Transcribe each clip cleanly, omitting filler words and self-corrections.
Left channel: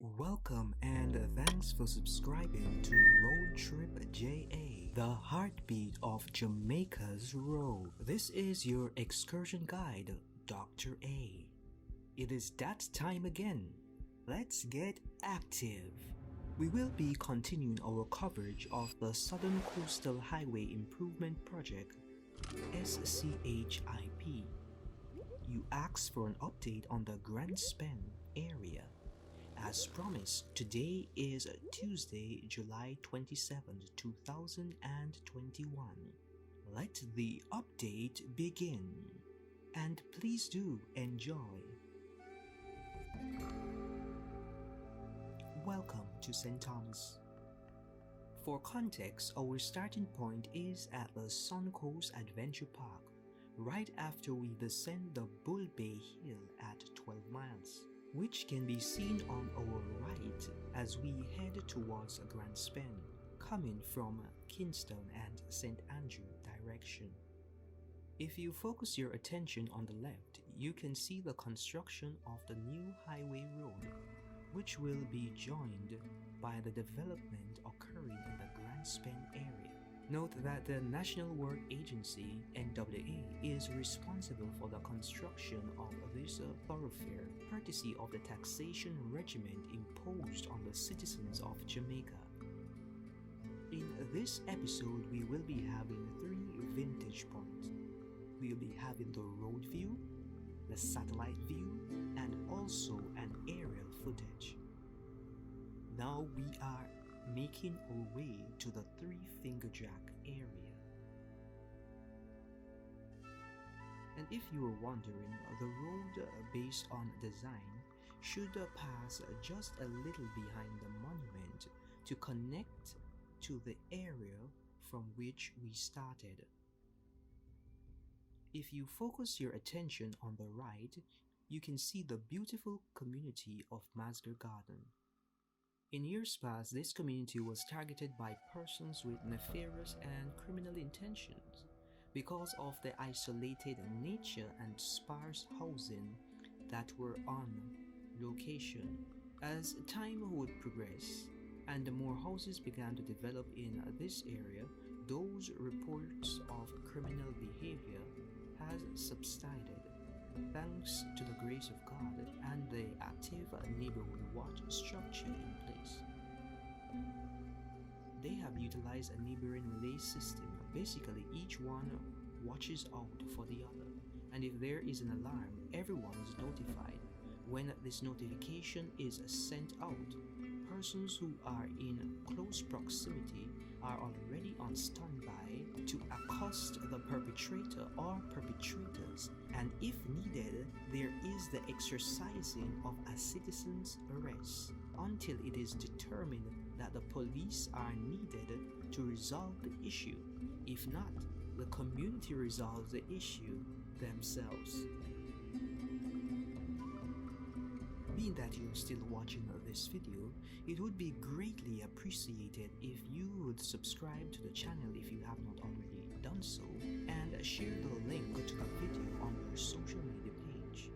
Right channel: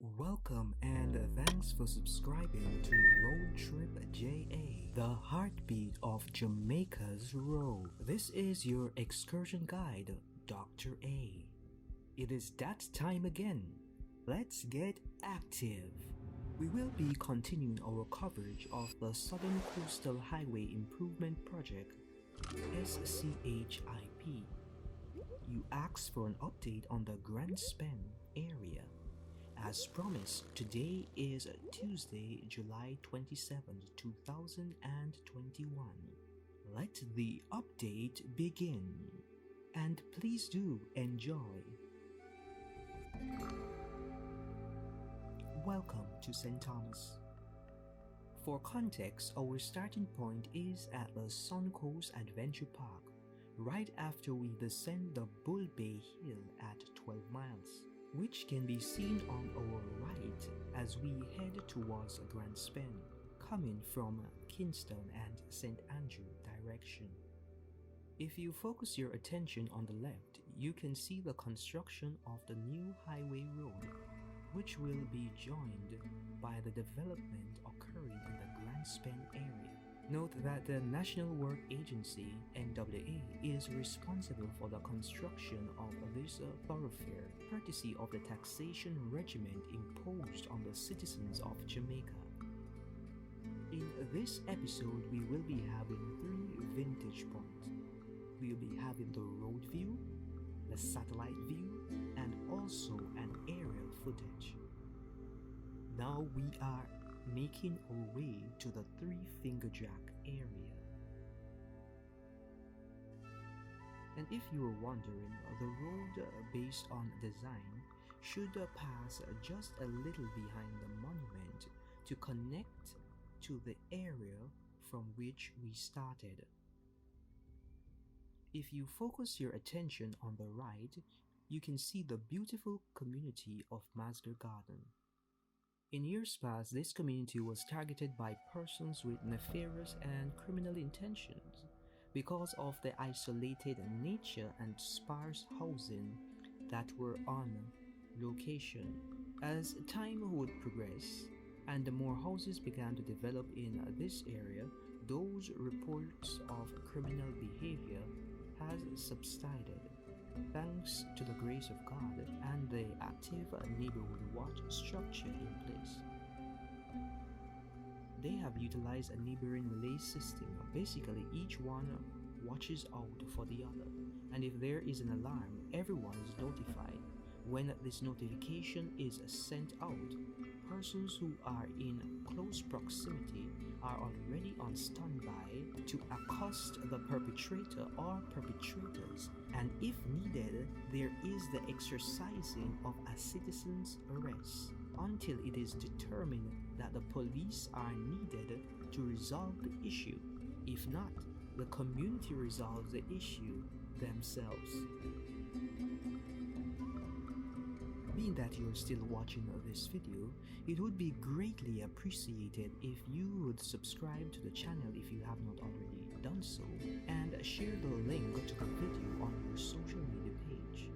Welcome and thanks for subscribing to RoadTripJA, the heartbeat of Jamaica's road. This is your excursion guide, Dr. A. It is that time again. Let's get active. We will be continuing our coverage of the Southern Coastal Highway Improvement Project, SCHIP. You asked for an update on the Grand Span area. As promised, today is Tuesday, July 27th, 2021. Let the update begin. And please do enjoy. Welcome to St. Thomas. For context, our starting point is at the Suncoast Adventure Park, right after we descend the Bull Bay Hill at 12 miles. Which can be seen on our right as we head towards Grand Span, coming from Kingston and St. Andrew direction. If you focus your attention on the left, you can see the construction of the new highway road, which will be joined by the development occurring in the Grand Span area. Note that the National Work Agency, NWA, is responsible for the construction of this thoroughfare, courtesy of the taxation regiment imposed on the citizens of Jamaica. In this episode, we will be having 3 vintage points. We will be having the road view, the satellite view, and also an aerial footage. Now we are making our way to the Three Finger Jack area. And if you are wondering, the road based on design should pass just a little behind the monument to connect to the area from which we started. If you focus your attention on the right, you can see the beautiful community of Masger Garden. In years past, this community was targeted by persons with nefarious and criminal intentions because of the isolated nature and sparse housing that were on location. As time would progress and more houses began to develop in this area, those reports of criminal behavior has subsided thanks to the grace of God and the active neighborhood watch structure in place. They have utilized a neighboring relay system. Basically, each one watches out for the other, and if there is an alarm, everyone is notified. When this notification is sent out, persons who are in close proximity are already on standby to accost the perpetrator or perpetrators, and if needed, there is the exercising of a citizen's arrest until it is determined that the police are needed to resolve the issue. If not, the community resolves the issue themselves. Being that you are still watching this video, it would be greatly appreciated if you would subscribe to the channel if you have not already done so, and share the link to the video on your social media page.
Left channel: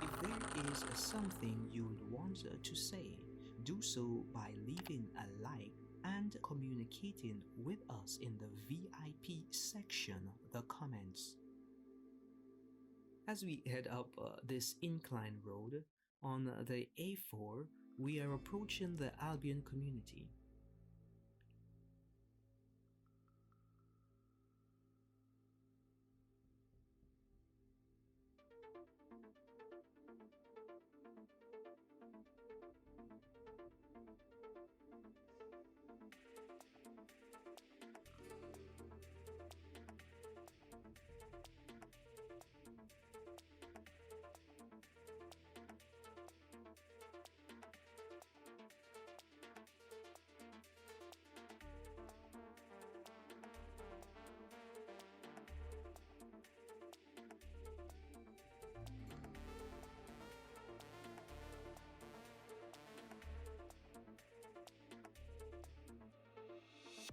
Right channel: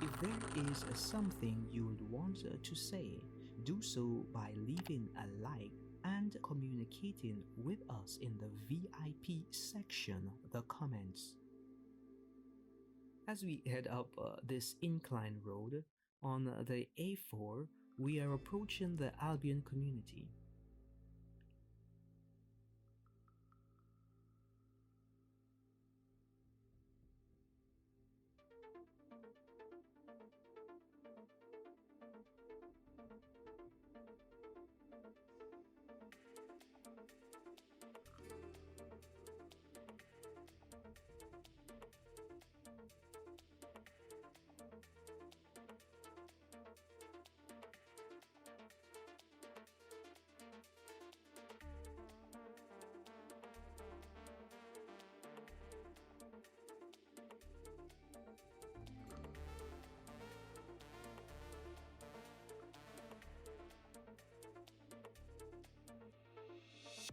If there is something you would want to say, do so by leaving a like and communicating with us in the VIP section, the comments. As we head up this incline road, on the A4, we are approaching the Albion community.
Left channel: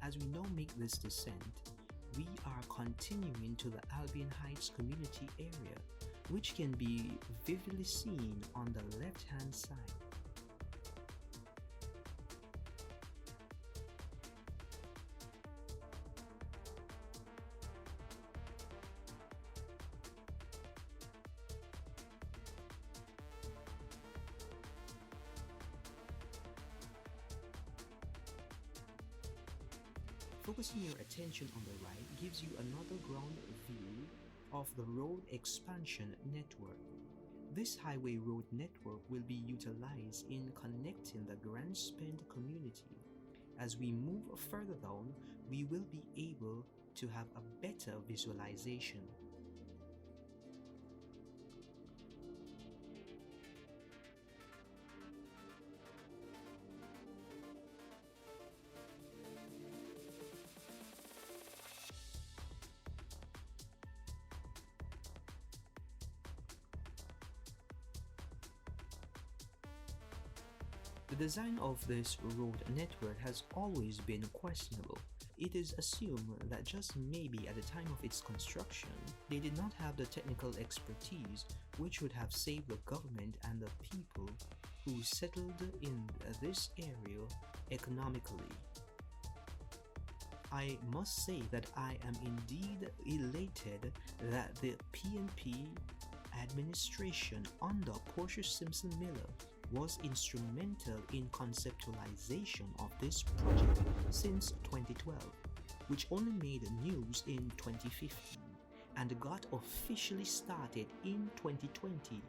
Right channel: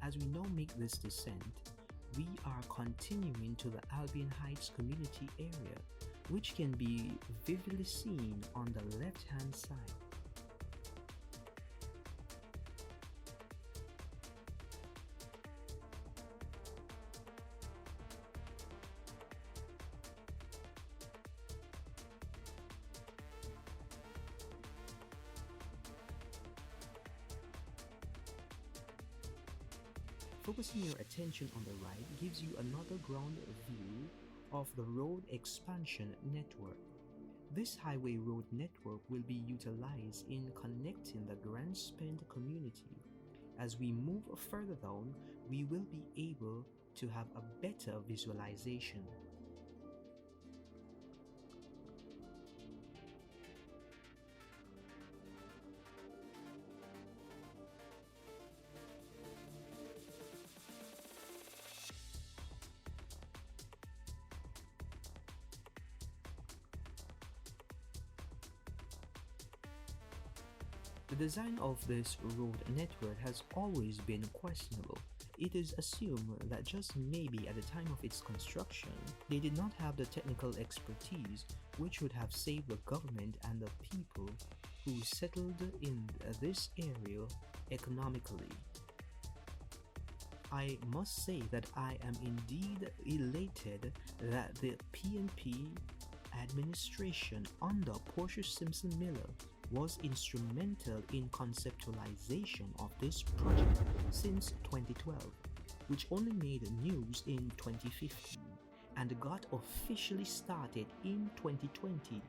As we now make this descent, we are continuing to the Albion Heights community area, which can be vividly seen on the left-hand side. Focusing your attention on the right gives you another ground view of the road expansion network. This highway road network will be utilized in connecting the Grand Spend community. As we move further down, we will be able to have a better visualization. The design of this road network has always been questionable. It is assumed that just maybe at the time of its construction, they did not have the technical expertise which would have saved the government and the people who settled in this area economically. I must say that I am indeed elated that the PNP administration under Portia Simpson Miller was instrumental in conceptualization of this project since 2012, which only made news in 2015 and got officially started in 2020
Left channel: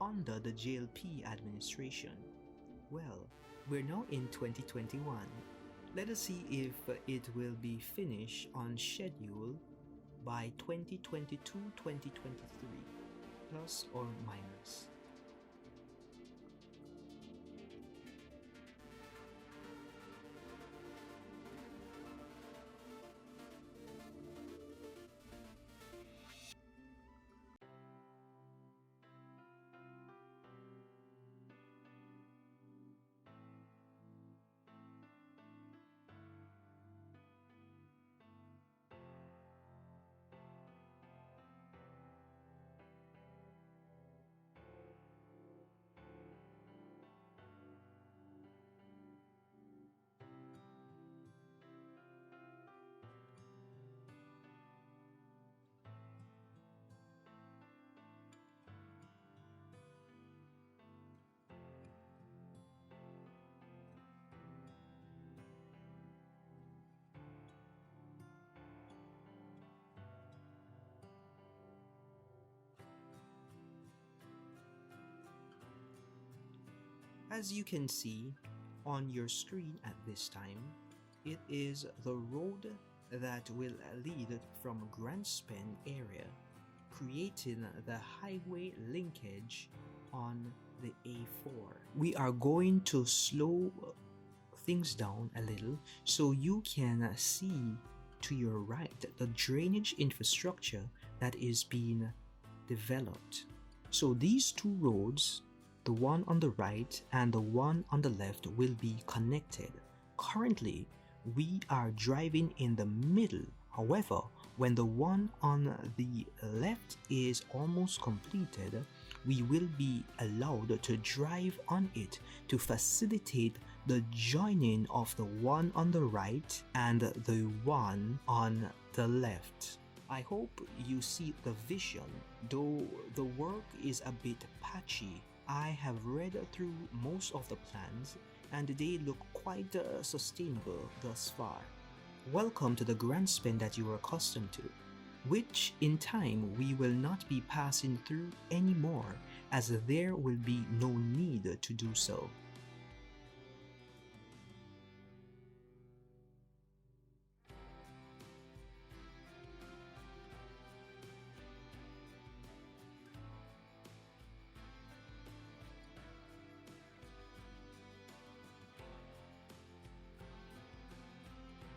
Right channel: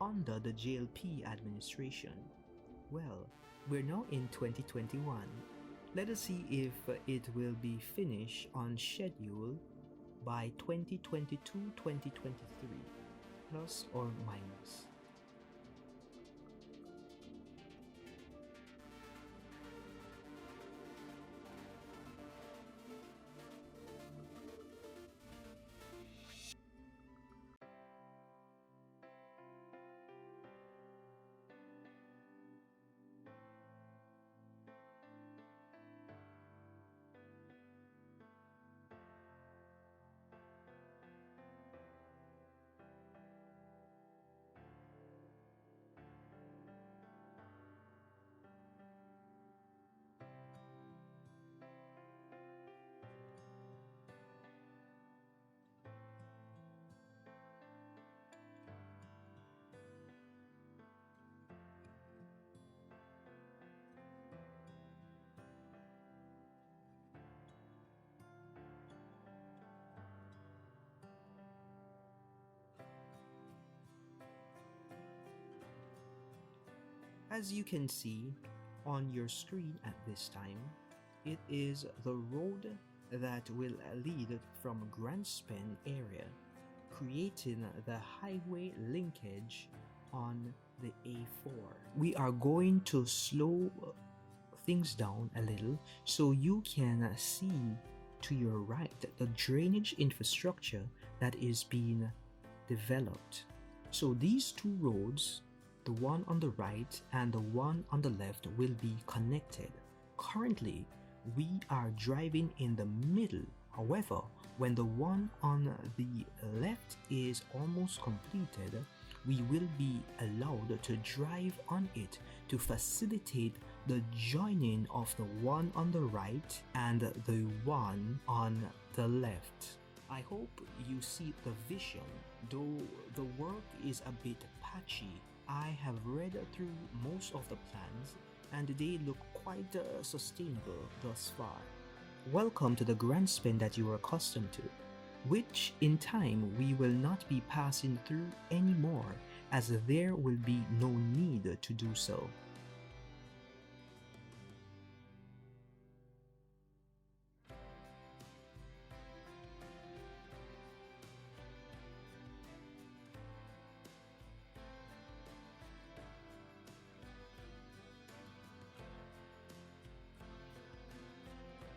under the JLP administration. Well, we're now in 2021. Let us see if it will be finished on schedule by 2022-2023, plus or minus. As you can see on your screen at this time, it is the road that will lead from Grand Spend area, creating the highway linkage on the A4. We are going to slow things down a little so you can see to your right the drainage infrastructure that is being developed. So these two roads, the one on the right and the one on the left, will be connected. Currently, we are driving in the middle. However, when the one on the left is almost completed, we will be allowed to drive on it to facilitate the joining of the one on the right and the one on the left. I hope you see the vision, though the work is a bit patchy. I have read through most of the plans and they look quite sustainable thus far. Welcome to the Grand Spend that you are accustomed to, which in time we will not be passing through anymore, as there will be no need to do so.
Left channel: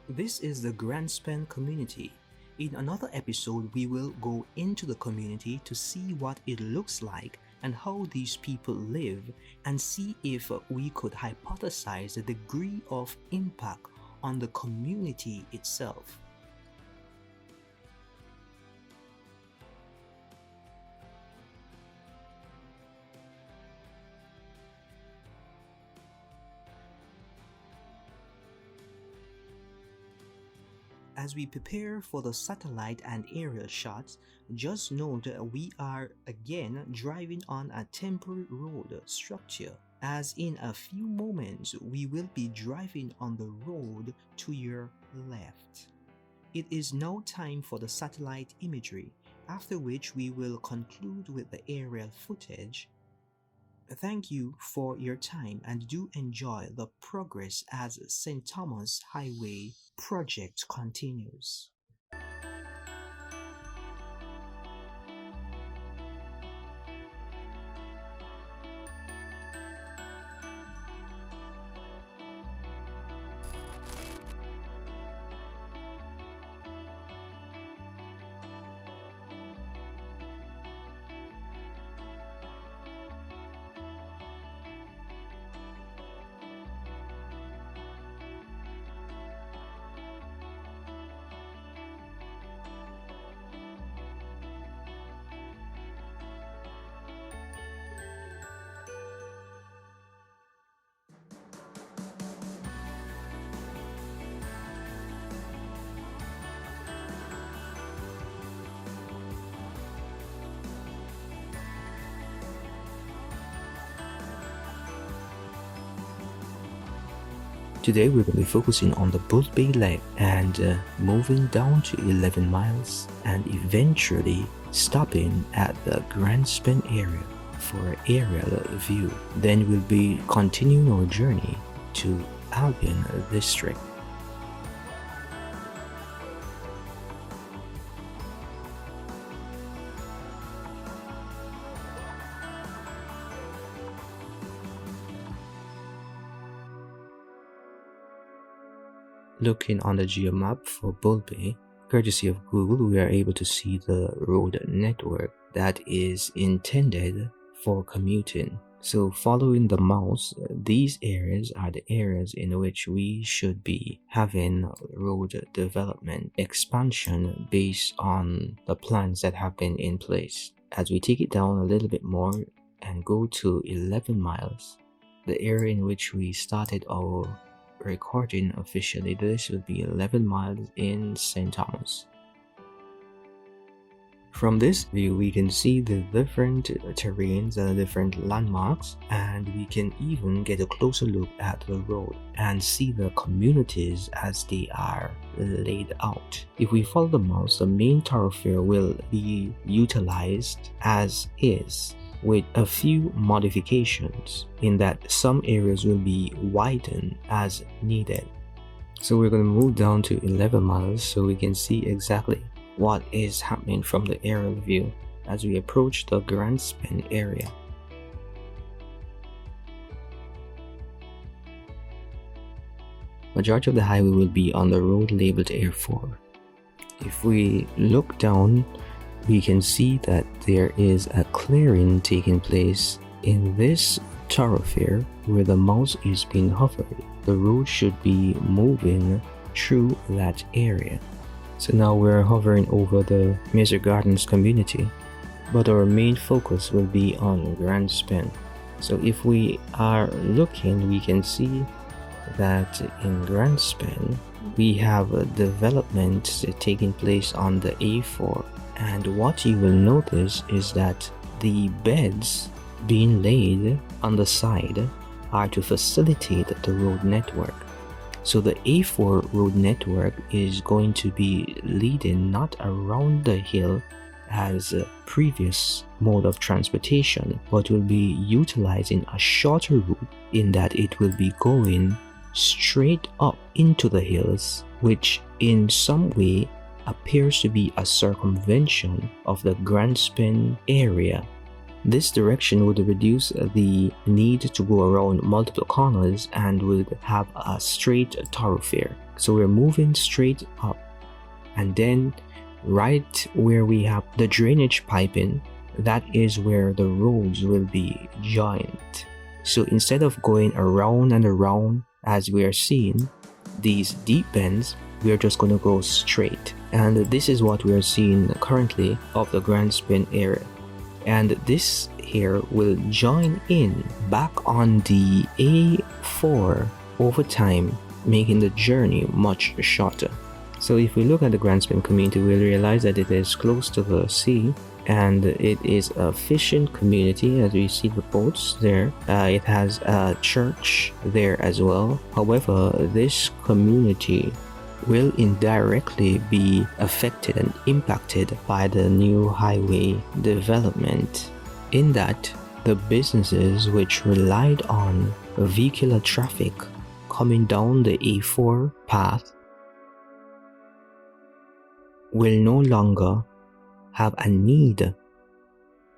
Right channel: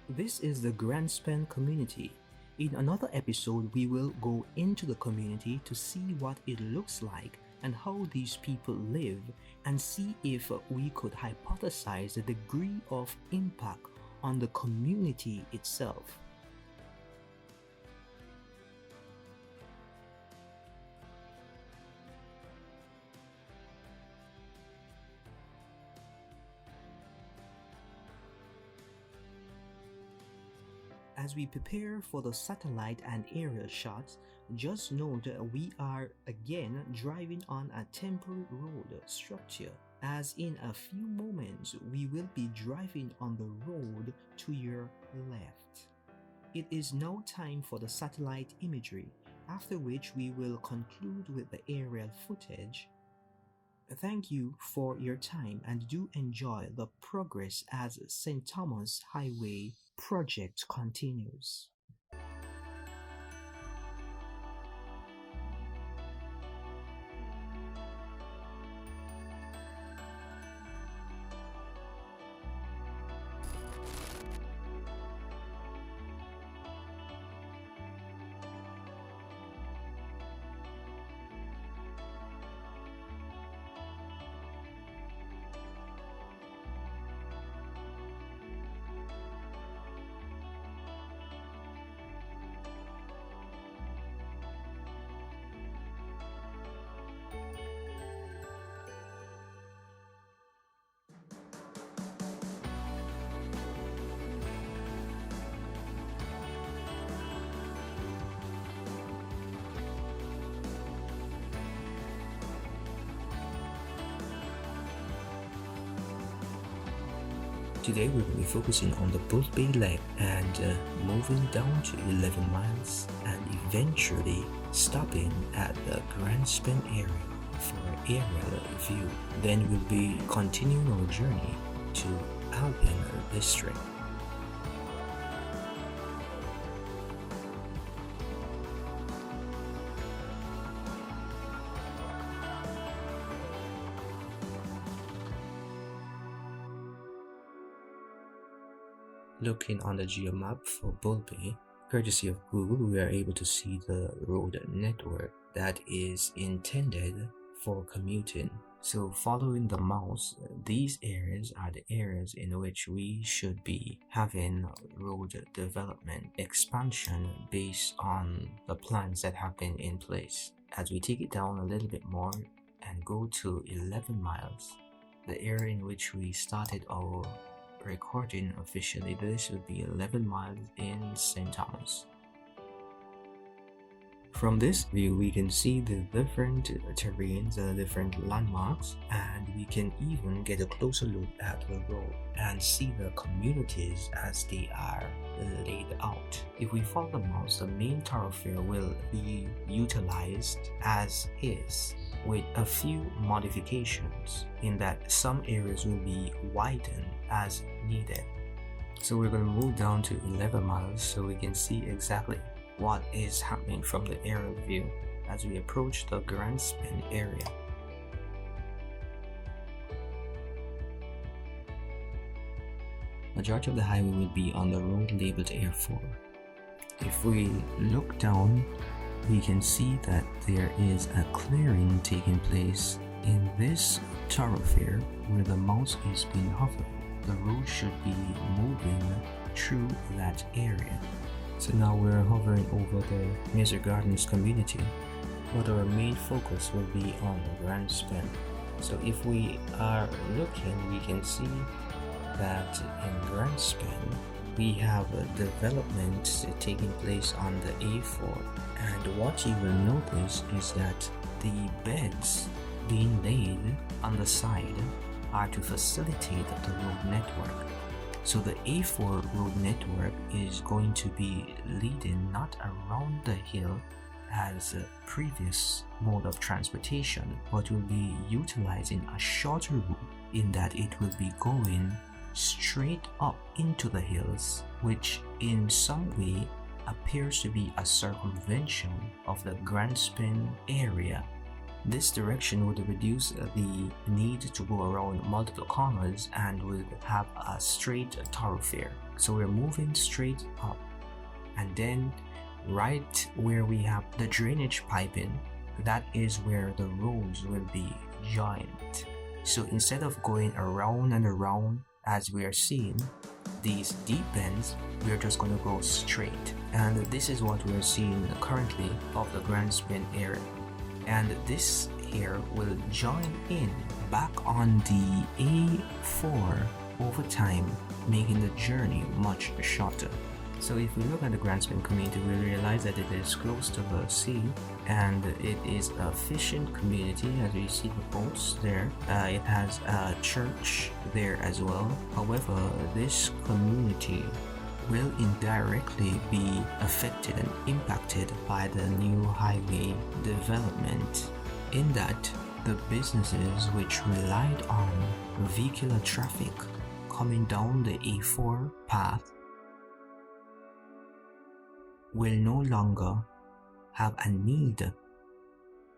This is the Grand Spend community. In another episode, we will go into the community to see what it looks like and how these people live, and see if we could hypothesize the degree of impact on the community itself. As we prepare for the satellite and aerial shots, just note we are again driving on a temporary road structure. as in a few moments we will be driving on the road to your left. It is now time for the satellite imagery, after which we will conclude with the aerial footage. Thank you for your time and do enjoy the progress as St. Thomas Highway project continues. Today we're going to be focusing on the Bull Bay leg and moving down to 11 miles and eventually stopping at the Grand Span area for an aerial view. Then we'll be continuing our journey to Albion district. Looking on the geomap for Bull Bay, courtesy of Google, we are able to see the road network that is intended for commuting. So following the mouse, these areas are the areas in which we should be having road development expansion based on the plans that have been in place. As we take it down a little bit more and go to 11 miles, the area in which we started our recording officially, this will be 11 miles in St. Thomas. From this view, we can see the different terrains and different landmarks, and we can even get a closer look at the road and see the communities as they are laid out. If we follow the mouse, the main thoroughfare will be utilized as is, with a few modifications in that some areas will be widened as needed. So we're going to move down to 11 miles so we can see exactly what is happening from the aerial view as we approach the Grand Span area. Majority of the highway will be on the road labeled A4. If we look down, we can see that there is a clearing taking place in this thoroughfare where the mouse is being hovered. The road should be moving through that area. So now we're hovering over the Mazer Gardens community, but our main focus will be on Grand Span. So if we are looking, we can see that in Grand Span we have a development taking place on the A4, and what you will notice is that the beds being laid on the side are to facilitate the road network. So the A4 road network is going to be leading not around the hill as a previous mode of transportation, but will be utilizing a shorter route in that it will be going straight up into the hills, which in some way appears to be a circumvention of the Grand Span area. This direction would reduce the need to go around multiple corners and would have a straight thoroughfare. So we're moving straight up, and then right where we have the drainage piping, that is where the roads will be joined. So instead of going around and around as we are seeing these deep bends, we are just going to go straight. And this is what we are seeing currently of the Grand Span area. And this here will join in back on the A4 over time, making the journey much shorter. So if we look at the Grand Span community, we'll realize that it is close to the sea, and it is a fishing community, as we see reports there. It has a church there as well. However, this community will indirectly be affected and impacted by the new highway development, in that the businesses which relied on vehicular traffic coming down the A4 path will no longer have a need,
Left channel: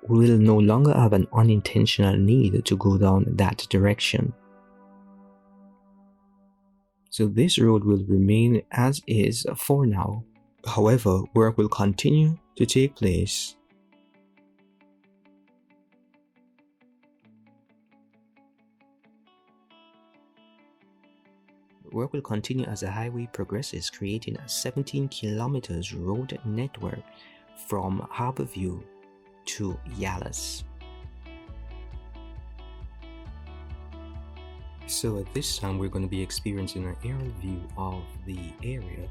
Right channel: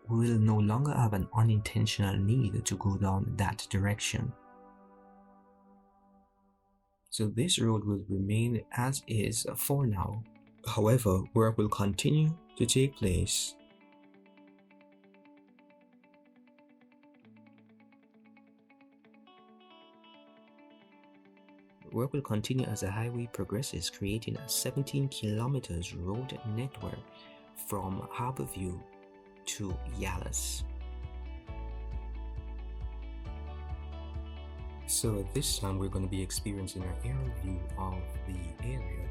will no longer have an unintentional need to go down that direction. So this road will remain as is for now. However, work will continue to take place. Work will continue as the highway progresses, creating a 17 kilometers road network from Harborview to Yalas. So at this time, we're going to be experiencing an aerial view of the area.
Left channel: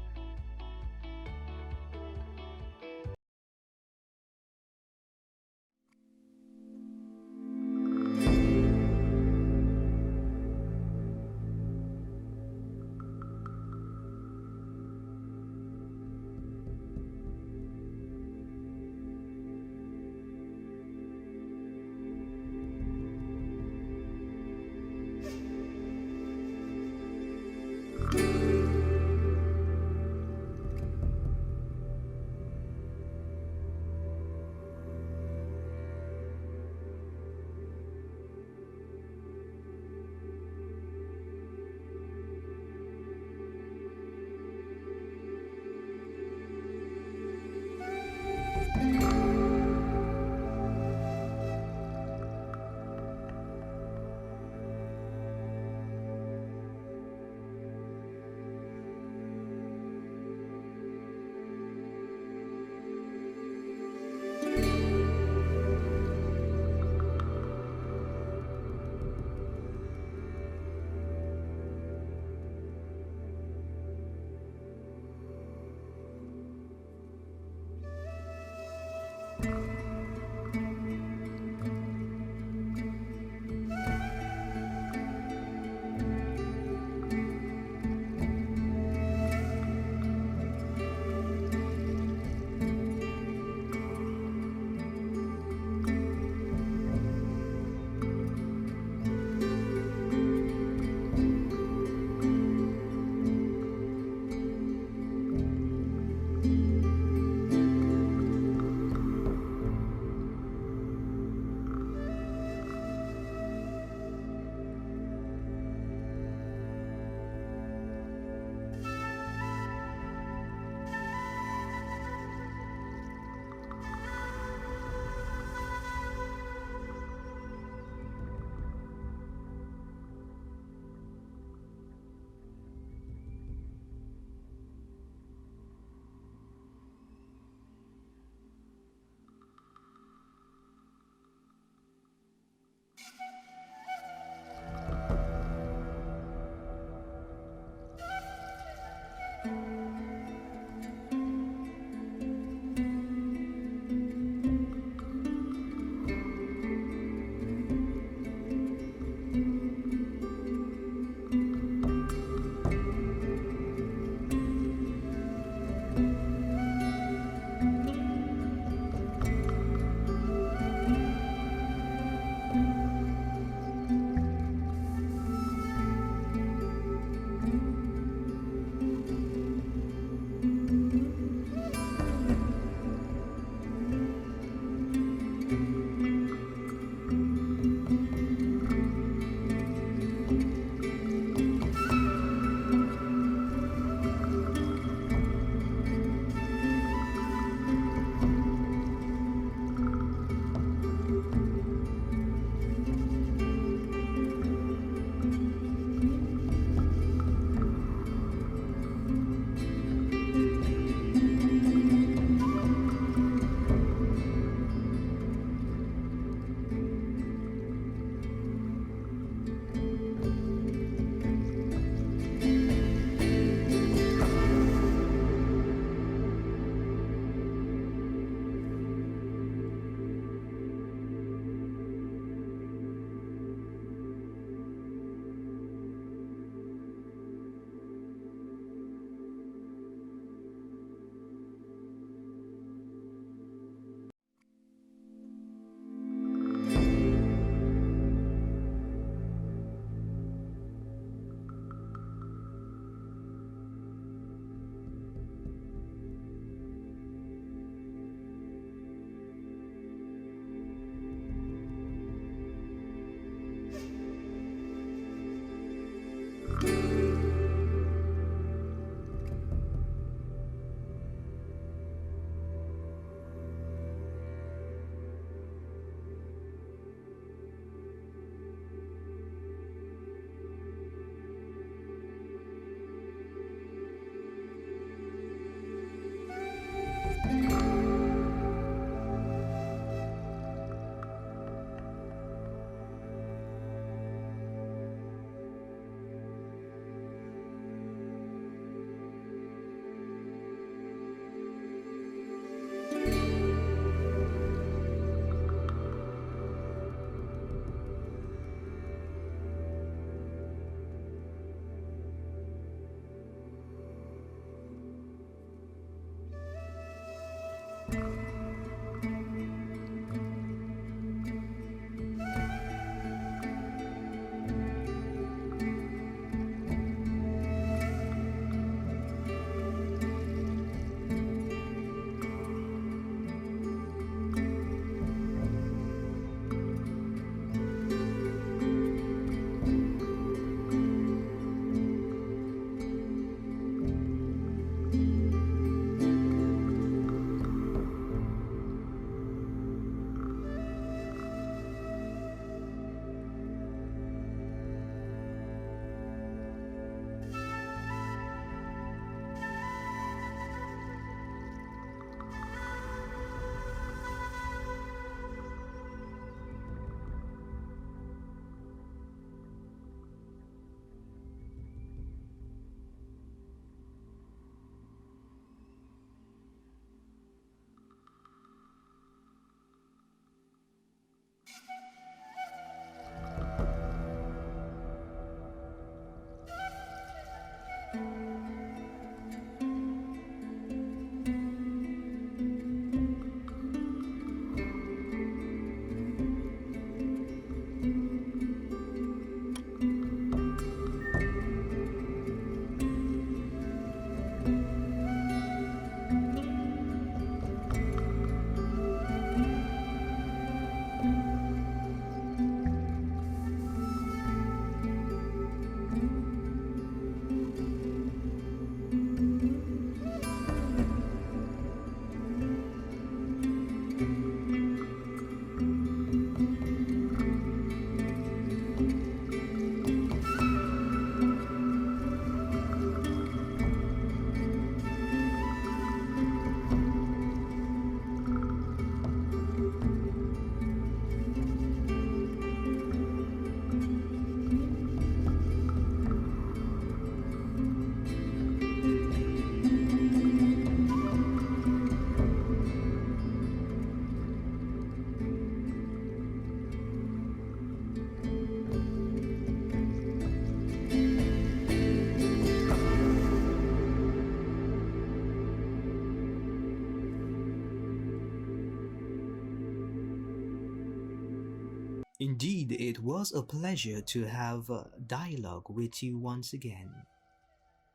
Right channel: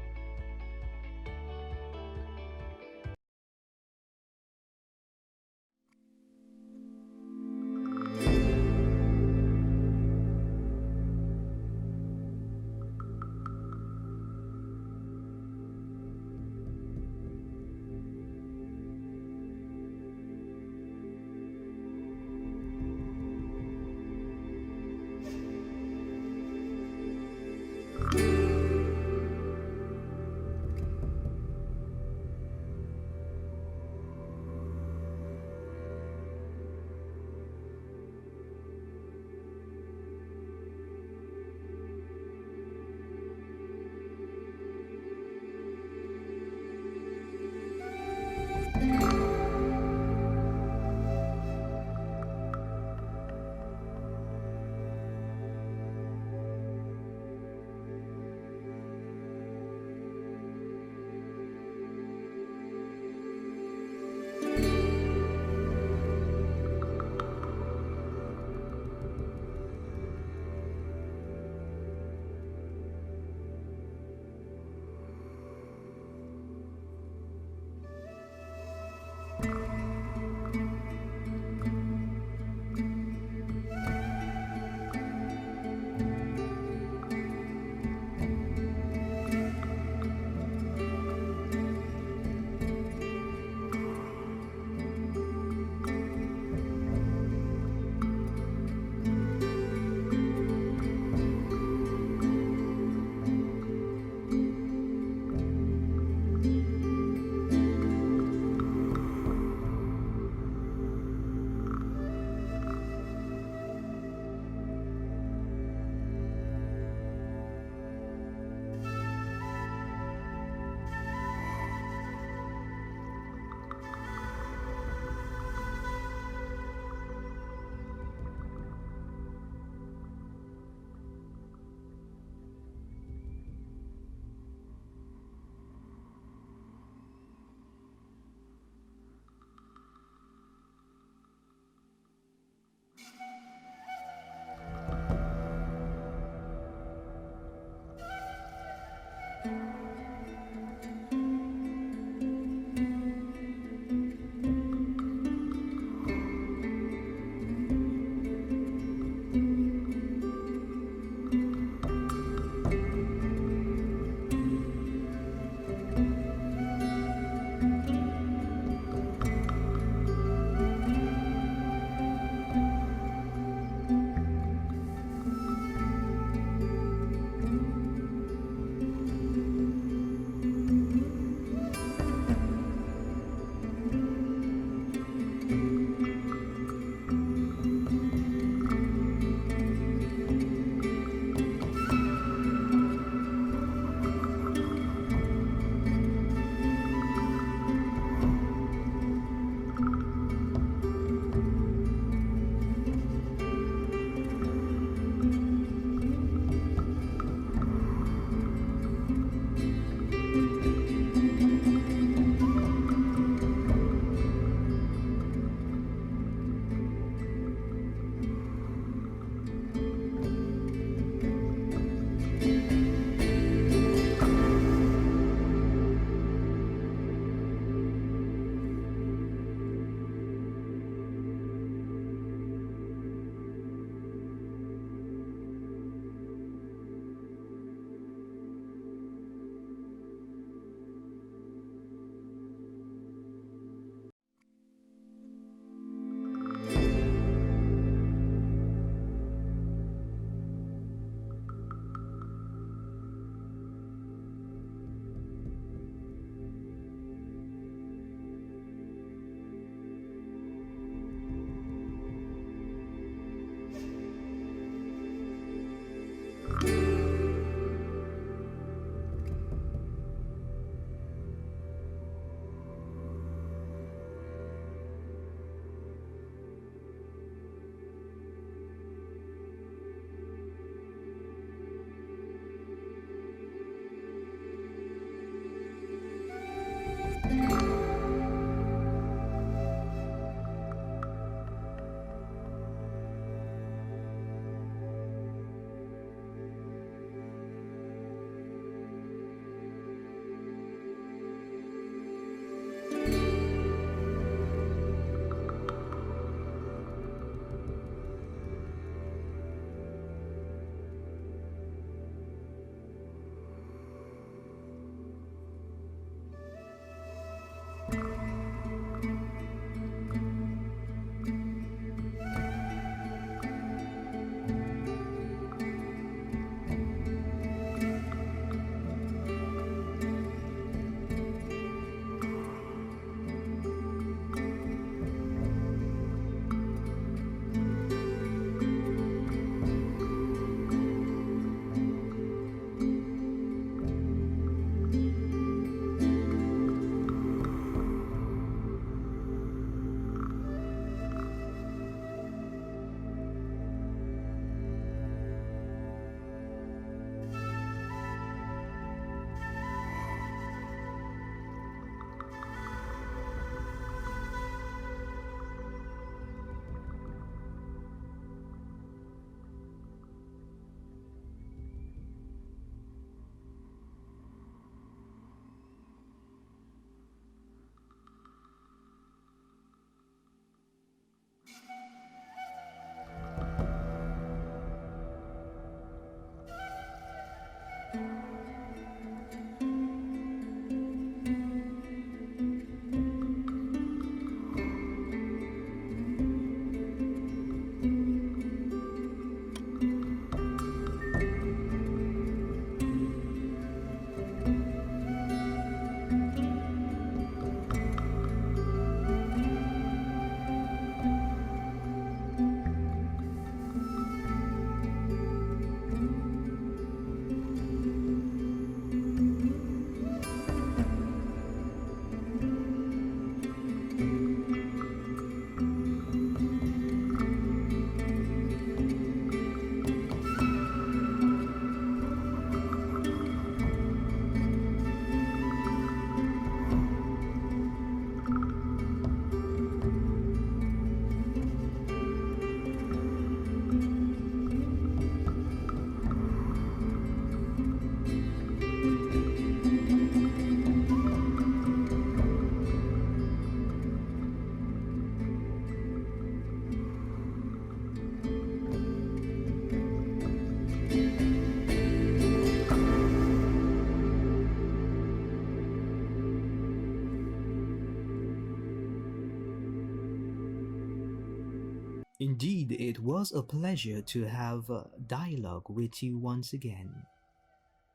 Indeed, it was a pleasure to have a dialogue with you once again.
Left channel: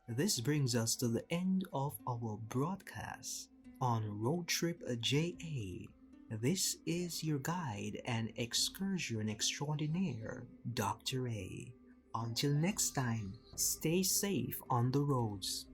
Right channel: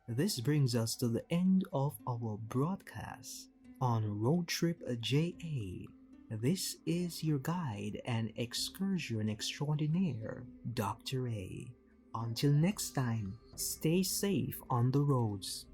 This brings us to the end of our broadcast on RoadTripJA. This is your guide and excursion extraordinaire, Dr. A. Until next time, stay safe on the roads.